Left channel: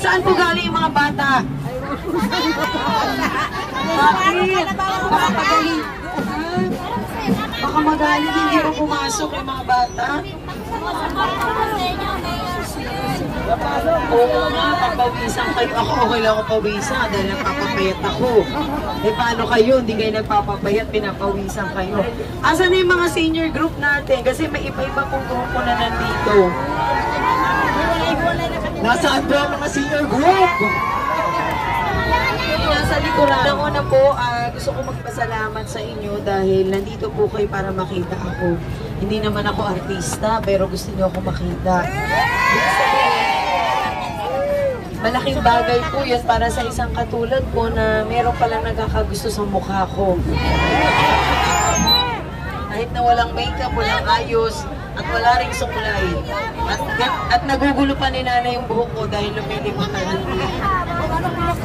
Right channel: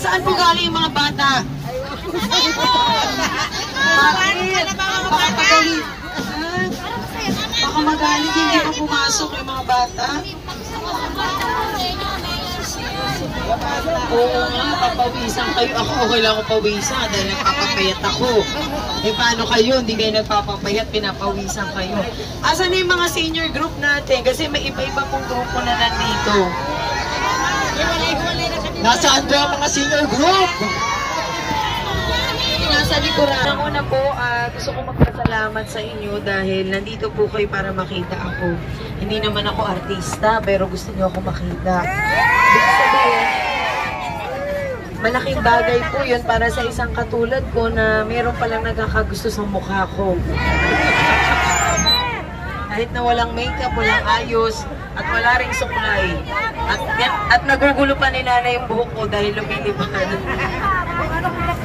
Saan po galing yung mga bata? Bakit? Baka magaling. Baka magaling, hindi po pumasok yung mga bata. Oo nga, papawisan kayo. Ako okay lang ako pawisan dahil nagpapapayat ako. Eh paano kayo? Hindi kayo nagpapapayat, pinapawisan kayo. Asan na yung mga senior group natin? Kasi may iba-iba pong grupo na nandito. Nasaan ba ang mga senior group? Nasa likuran. Una po, gusto ko magpasalamat sa inyo dahil nandito po kayo para makita ako. Hindi naman ako artista, pero gusto niyo ako makita. Ibig sabihin, malaking bagay po yun para sa isang katulad ko na meron palang nagkakagusto sa mukha ko. Kahit na walang makeup, walang ayos, at wala ring suklay. At nagugulo pa ni nanay yung buhok ko dahil lumilimutan.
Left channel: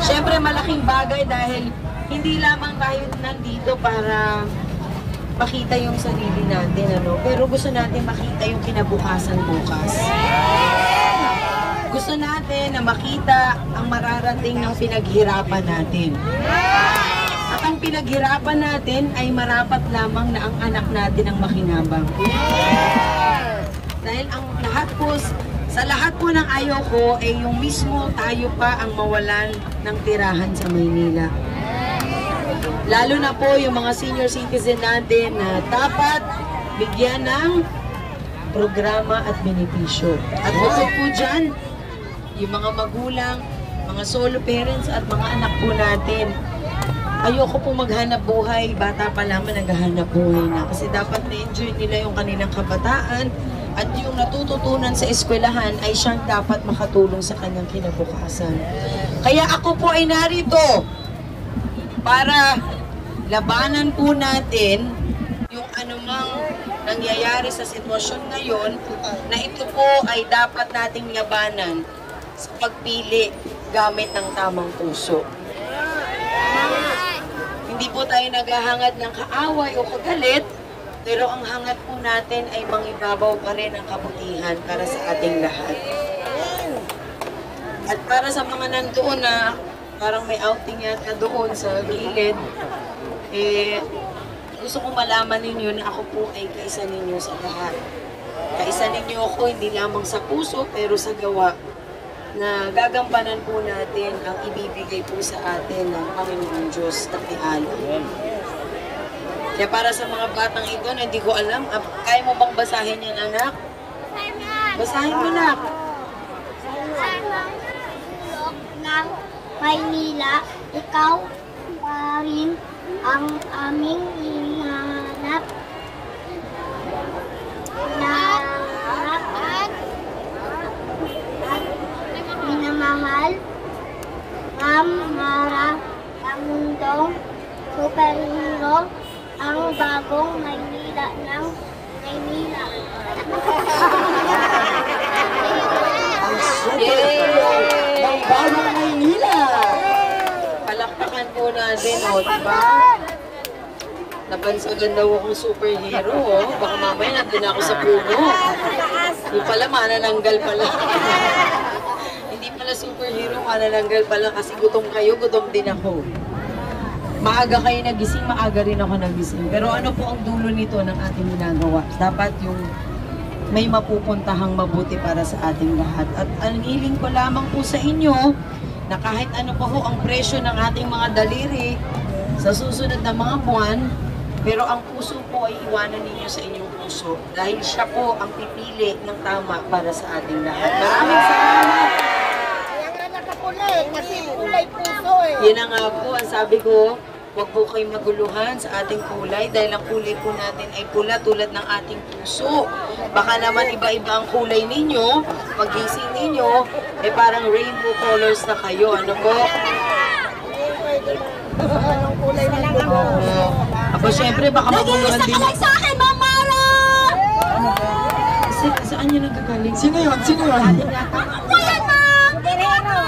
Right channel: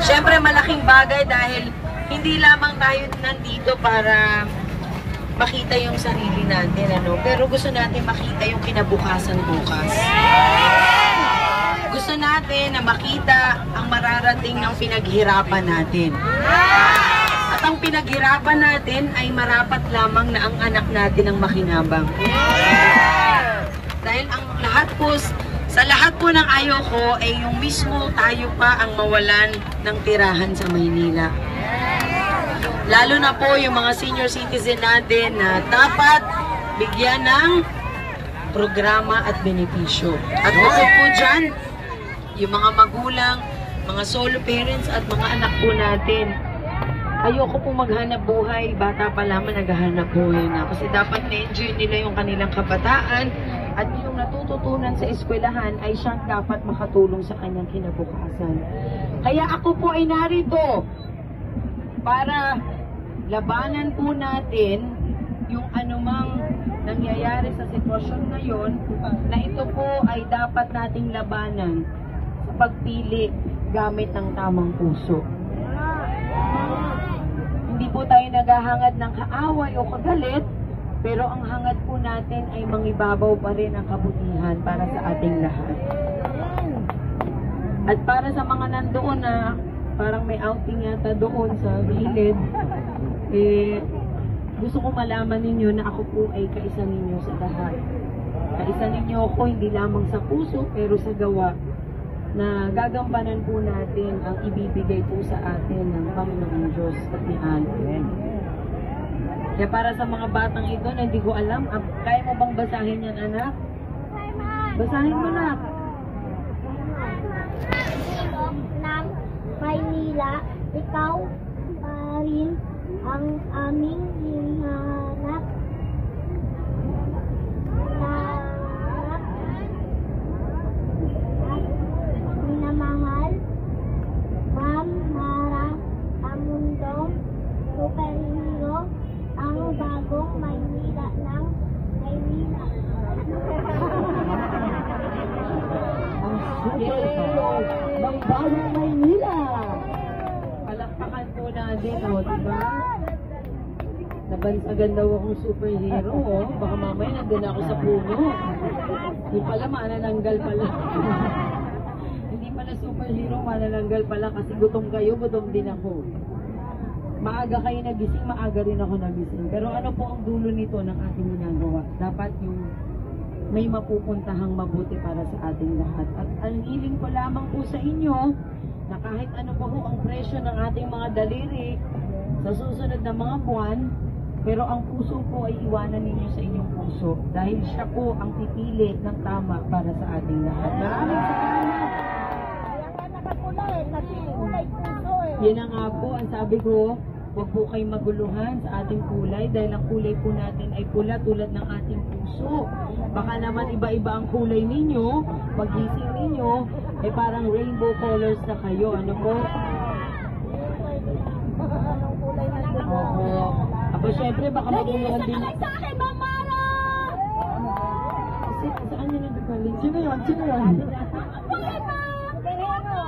Siyempre malaking bagay dahil hindi lamang tayo nandito para makita yung sarili natin, ano? Pero gusto natin makita yung kinabukasan bukas. Gusto natin na makita ang mararating ng pinaghirapan natin. At ang pinaghirapan natin ay marapat lamang na ang anak natin ang makinabang. Dahil ang lahat po, sa lahat po ng ayaw ko ay yung mismo tayo pa ang mawalan ng tirahan sa Maynila. Lalo na po yung mga senior citizen natin na dapat bigyan ng programa at benepisyo. At bukod po dyan, yung mga magulang, mga solo parents at mga anak po natin, ayoko po maghanap buhay, bata pa lang naghahanap buhay na. Kasi dapat na-enjoy nila yung kanilang kabataan at yung natututunan sa eskwelahan ay siyang dapat makatulong sa kanyang kinabukasan. Kaya ako po ay narito para labanan po natin yung anumang nangyayari sa sitwasyon ngayon na ito po ay dapat nating labanan sa pagpili gamit ng tamang puso. Hindi po tayo naghahangad ng kaaway o kagalit, pero ang hangad po natin ay mangibabaw pa rin ang kabutihan para sa ating lahat. At para sa mga nandoon na parang may outing yata doon sa gilid, gusto ko malaman ninyo na ako po ay kaisa ninyo sa lahat. Kaisa ninyo ako hindi lamang sa puso pero sa gawa na gagampanan po natin ang ibibigay po sa atin ng Panginoon Diyos at ni Allah. Kaya para sa mga batang ito na hindi ko alam, kaya mo bang basahin yan, anak? Basahin mo, anak. Ng Maynila, ikaw pa rin ang aming hinahanap na at minamahal, Ma'am Mara, ang mundong superhero, ang bagong Maynila ng Maynila. Ang super ng bagong Maynila. Palakpakan po natin, o, diba? Nabansagan daw akong superhero, o. Baka mamaya nandun ako sa puno. Yung pala, manananggal pala. Hindi pala superhero, manananggal pala kasi gutom kayo, gutom din ako. Maaga kayo nagising, maaga rin ako nagising. Pero ano po ang dulo nito ng ating ginagawa? Dapat yung may mapupuntahang mabuti para sa ating lahat. At ang hiling ko lamang po sa inyo, na kahit ano pa ho ang presyo ng ating mga daliri sa susunod na mga buwan, pero ang puso po ay iwanan ninyo sa inyong puso dahil siya po ang pipili ng tama para sa ating lahat. Maraming salamat! Kaya nga nakapulay, kasi kulay puso eh. Yan na nga po, ang sabi ko, huwag po kayong maguluhan sa ating kulay dahil ang kulay po natin ay pula tulad ng ating puso. Baka naman iba-iba ang kulay ninyo, magising ninyo, eh parang rainbow colors na kayo. Ano po? Anong kulay na lang ako? Aba, syempre, baka maguluhan din. Nag-iisa ka lang sa akin, Ma'am Mara! Saan yun nagkagaling? Sino yun? Sino yun? Wala, Ma'am! Tireno!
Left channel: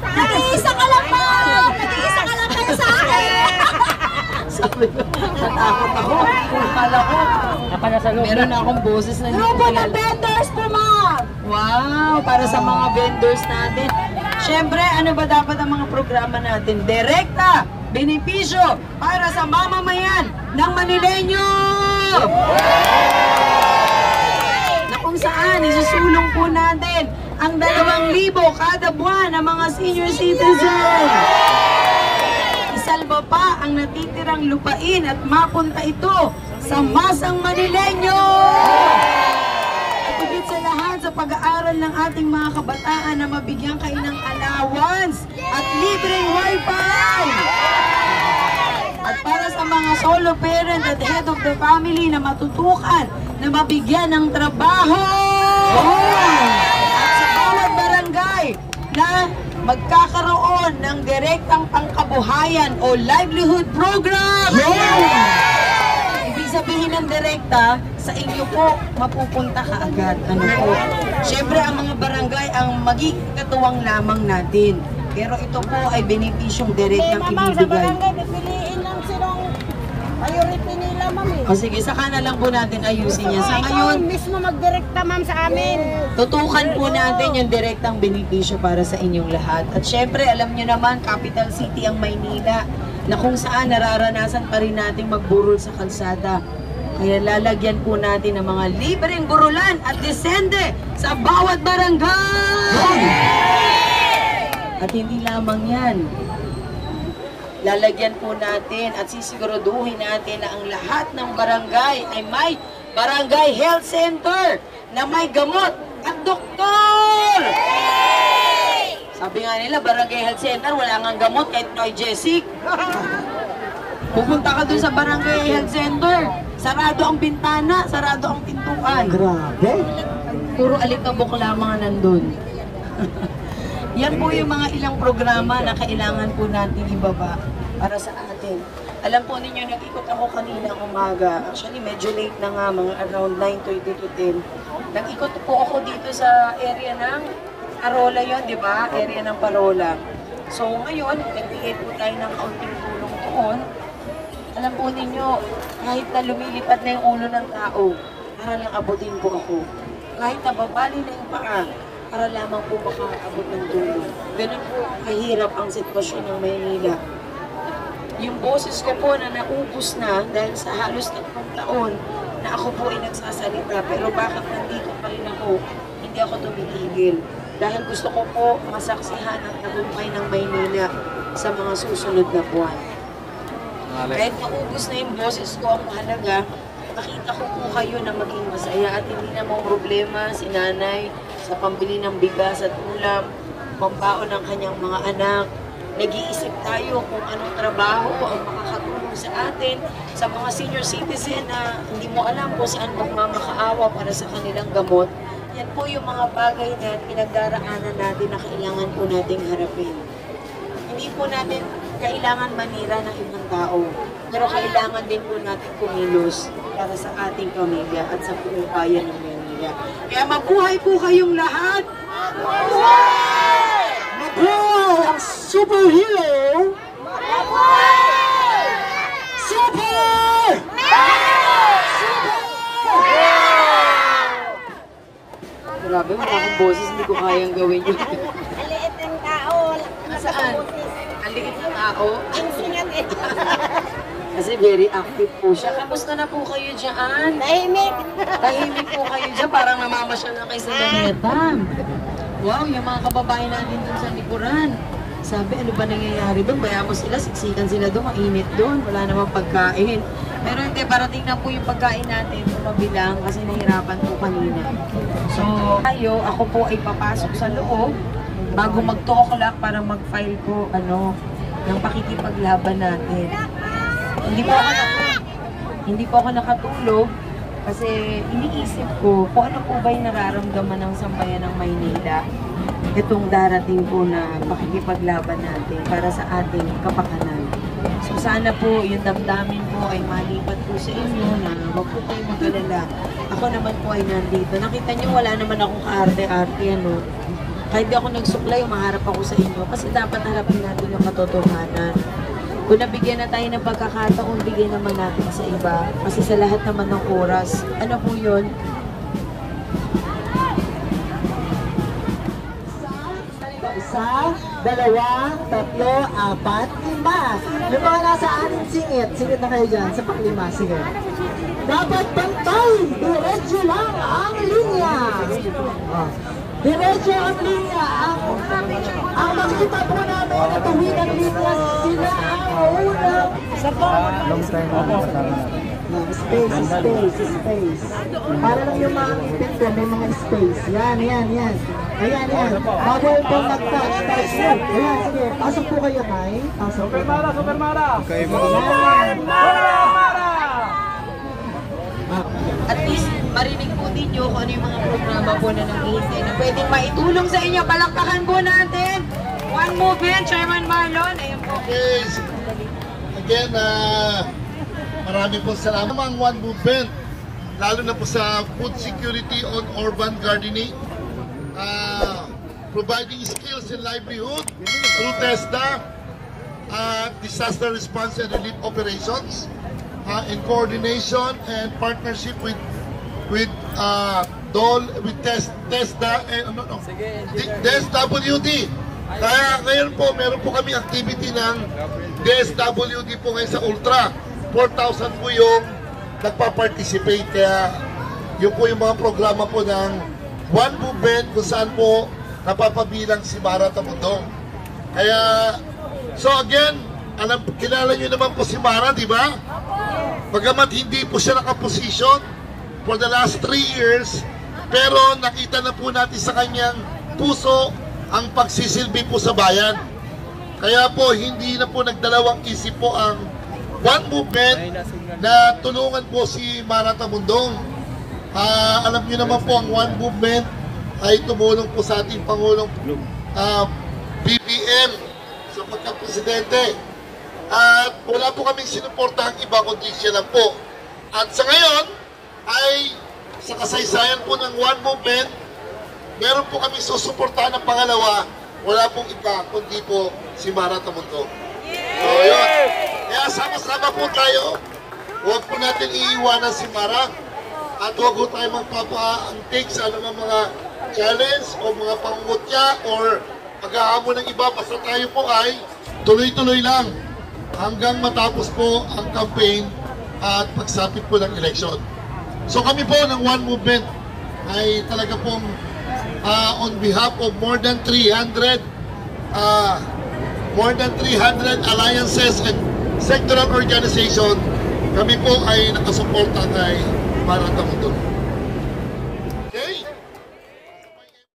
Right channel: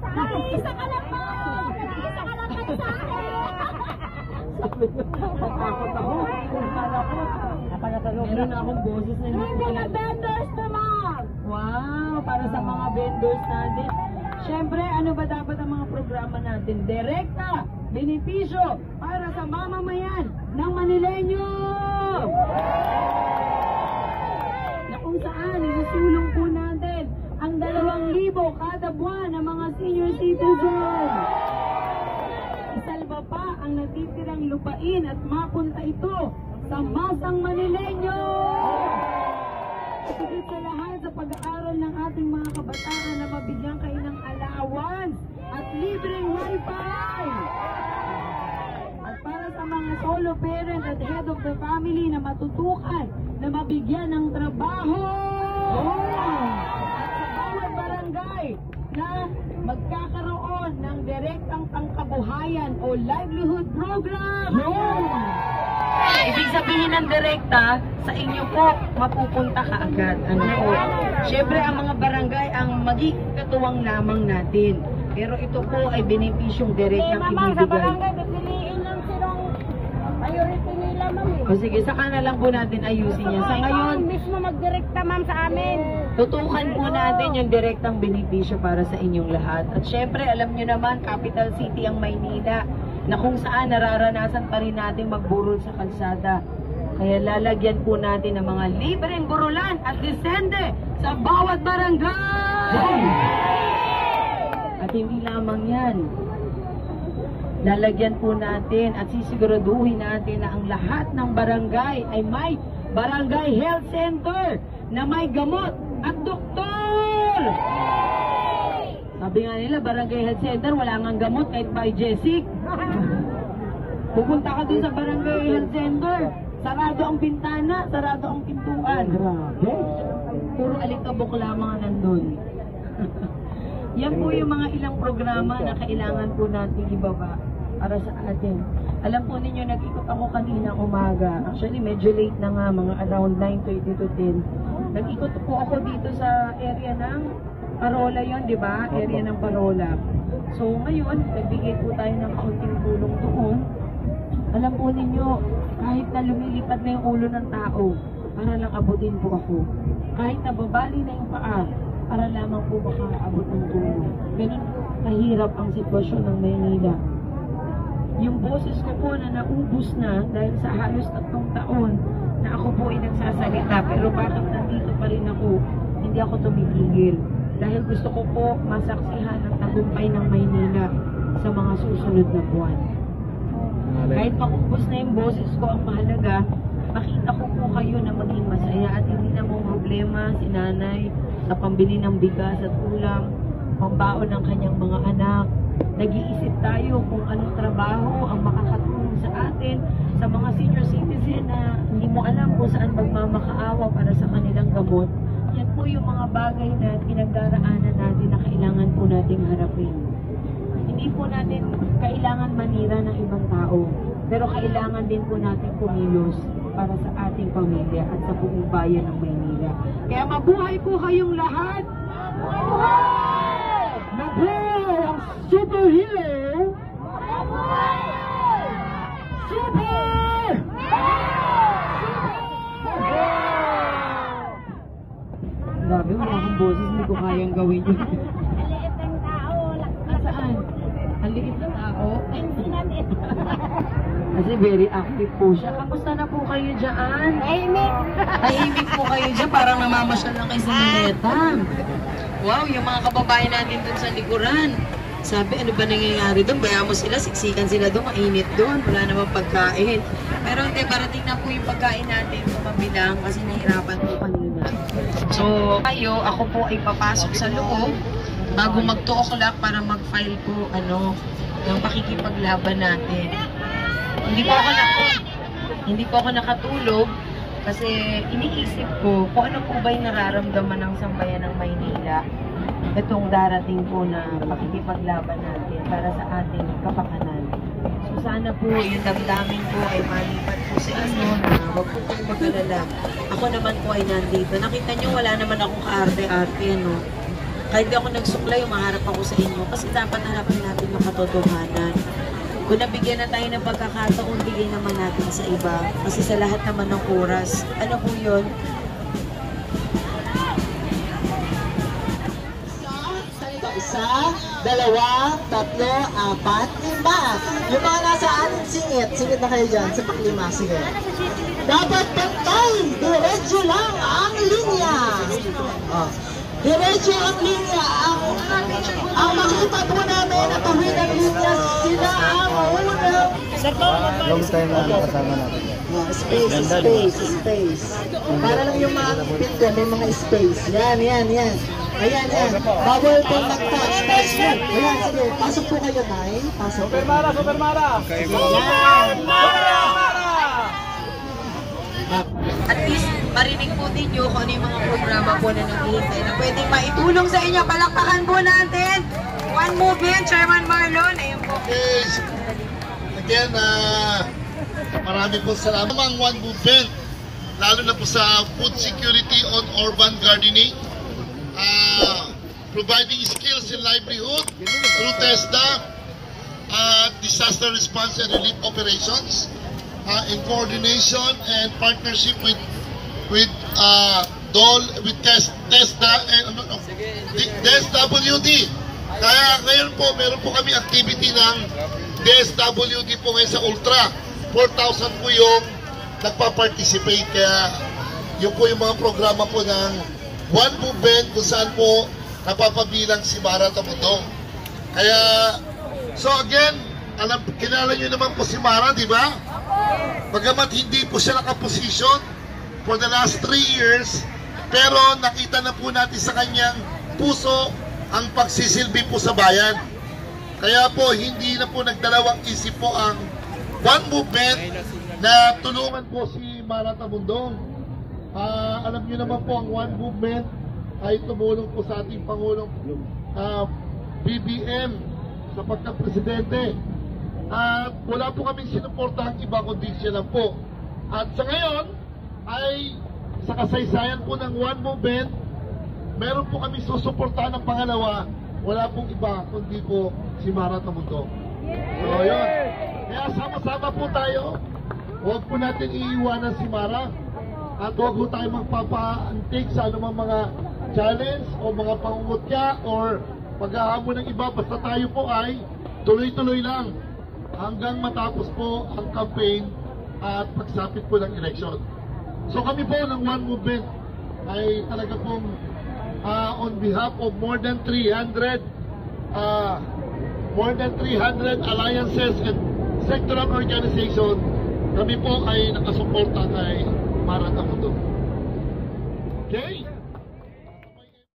Nag-iisa ka lang, Ma'am! Nag-iisa ka lang kayo sa akin! Sabi ko, natakot ako. Kala ko, meron na akong boses na hindi ko Grupo ng kilala. vendors po, Ma'am! Wow, para sa mga vendors natin. Siyempre, ano ba dapat ang mga programa natin? Direkta, benepisyo para sa mamamayan ng Manileño! Na kung saan isusulong po natin ang 2,000 kada buwan ng mga senior citizen. Isalba pa ang natitirang lupain at mapunta ito sa masang Manileño! At higit sa lahat sa pag-aaral ng ating mga kabataan na mabigyan kayo ng allowance at libreng wifi! At para sa mga solo parent at head of the family na matutukan na mabigyan ng trabaho! At sa bawat barangay na magkakaroon ng direktang pangkabuhayan o livelihood program! Ibig sabihin ng direkta, sa inyo po mapupunta kaagad. Ano po? Siyempre ang mga barangay ang magiging katuwang lamang natin. Pero ito po ay benepisyong direktang Ma'am, sa ibibigay. barangay, pipiliin lang silang priority nila, ma'am. O sige, saka na lang po natin ayusin yan. Sa ngayon, mismo magdirekta, ma'am, sa amin. tutukan po natin yung direktang benepisyo para sa inyong lahat. At syempre, alam nyo naman, capital city ang Maynila, na kung saan nararanasan pa rin natin magburol sa kalsada. Kaya lalagyan po natin ng mga libreng burulan at desende sa bawat barangay! At hindi lamang yan. Lalagyan po natin at sisiguraduhin natin na ang lahat ng barangay ay may barangay health center na may gamot at doktor! Sabi nga nila, barangay health center, wala ngang gamot kahit Jessic. Pupunta ka dun sa barangay health center, sarado ang bintana, sarado ang pintuan. Grabe. Puro alikabok lamang nandun. Yan po yung mga ilang programa na kailangan po natin ibaba para sa atin. Alam po ninyo, nag-ikot ako kanina umaga. Actually, medyo late na nga, mga around 9:30 to 10. Nag-ikot po ako dito sa area ng Parola yon, di ba? Area ng Parola. So ngayon, nagbigay po tayo ng kaunting tulong doon. Alam po ninyo, kahit na lumilipad na yung ulo ng tao, para lang abutin po ako. Kahit nababali na yung paa, para lamang po makaabot ng tulong. Ganun po kahirap ang sitwasyon ng Maynila. Yung boses ko po na naubos na dahil sa halos 3 taon na ako po ay nagsasalita, pero bakit nandito pa rin ako, hindi ako tumitigil. Dahil gusto ko po masaksihan ang tagumpay ng Maynila sa mga susunod na buwan. Kahit maubos na yung boses ko, ang mahalaga, makita ko po kayo na maging masaya at hindi na mong problema si nanay sa pambili ng bigas at ulam, pambaon ng kanyang mga anak. Nag-iisip tayo kung anong trabaho ang makakatulong sa atin, sa mga senior citizen na hindi mo alam kung saan magmamakaawa para sa kanilang gamot. Yan po yung mga bagay na pinagdaraanan natin na kailangan po nating harapin. Hindi po natin kailangan manira ng ibang tao, pero kailangan din po natin kumilos para sa ating pamilya at sa buong bayan ng Maynila. Kaya mabuhay po kayong lahat! Mabuhay ang superhero! Super! Grabe, wala akong boses, hindi ko kayang gawin yun. Maliit ng tao. Saan? Ang liit ng tao? Singat eh. Kasi very active po siya. Kamusta na po kayo dyan? Tahimik. Tahimik po kayo dyan, parang namamasyal na kayo sa Manetang. Wow, yung mga kababayan natin dun sa likuran. Sabi, ano ba nangyayari doon? Bayaan mo sila, siksikan sila doon, mainit doon, wala namang pagkain. Pero hindi, parating na po yung pagkain natin sa mabilang kasi mahirapan po kanina. So, ako po ay papasok sa loob bago mag-2 o'clock para mag-file po, ng pakikipaglaban natin. Hindi po ako nakatulog kasi iniisip ko kung ano po ba yung nararamdaman ng sambayan ng Maynila itong darating po na makikipaglaban natin para sa ating kapakanan. So sana po yung damdamin po ay malipat po sa inyo na huwag po kayo mag-alala. Ako naman po ay nandito. Nakita nyo wala naman akong kaarte-arte, Kahit di ako nagsuklay, umaharap ako sa inyo kasi dapat harapan natin yung katotohanan. Kung nabigyan na tayo ng pagkakataon, bigyan naman natin sa iba. Kasi sa lahat naman ng oras, ano po yun? Isa, dalawa, tatlo, apat, lima. Yung mga nasa anin singit na kayo dyan sa paklima. Sige. Dapat pantay, diretso lang ang linya. Oh. Diretso ang linya. Ang makita po namin na tuwid ang linya, sila ang unang. Space. Para lang yung mga picture, may mga space. Yan. Ayan. Bawal po mag-touch. Ayan, sige. Pasok po kayo, Tay. Pasok po. Ayan. At least marinig po ninyo kung ano yung mga programa po na nag-iintay na pwedeng maitulong sa inyo. Palakpakan po natin. One Movement, Chairman Marlon. Ayun po. Okay. Again, marami po salamat. Ang One Movement, lalo na po sa food security on urban gardening, providing skills and livelihood through TESDA, disaster response and relief operations, in coordination and partnership with DOL, with TESDA and DSWD. Kaya ngayon po, meron po kami activity ng DSWD po ngayon sa Ultra. 4,000 po yung nagpa-participate. Kaya yun po yung mga programa po ng One Movement kung saan po napapabilang si Mara Tamundong. Kaya, so again, kilala nyo naman po si Mara, di ba? Bagamat hindi po siya nakaposisyon for the last 3 years, pero nakita na po natin sa kanyang puso ang pagsisilbi po sa bayan. Kaya po, hindi na po nagdalawang isip po ang One Movement na tulungan po si Mara Tamundong. Alam niyo naman po ang One Movement ay tumulong po sa ating Pangulong BBM sa pagka-presidente. At wala po kaming sinuportahang iba kundi siya lang po. At sa ngayon ay sa kasaysayan po ng One Movement, meron po kami susuportahan ng pangalawa. Wala pong iba kundi po si Mara Tamundong. So yun. Kaya sama-sama po tayo. Huwag po natin iiwanan si Mara. At huwag po tayo magpapaantik sa anumang mga challenge o mga pangungutya or pag-ahamon ng iba. Basta tayo po ay tuloy-tuloy lang hanggang matapos po ang campaign at pagsapit po ng election. So kami po ng One Movement ay talaga pong on behalf of more than 300 alliances and sectoral organization, kami po ay nakasuporta kay Mara Tamundong.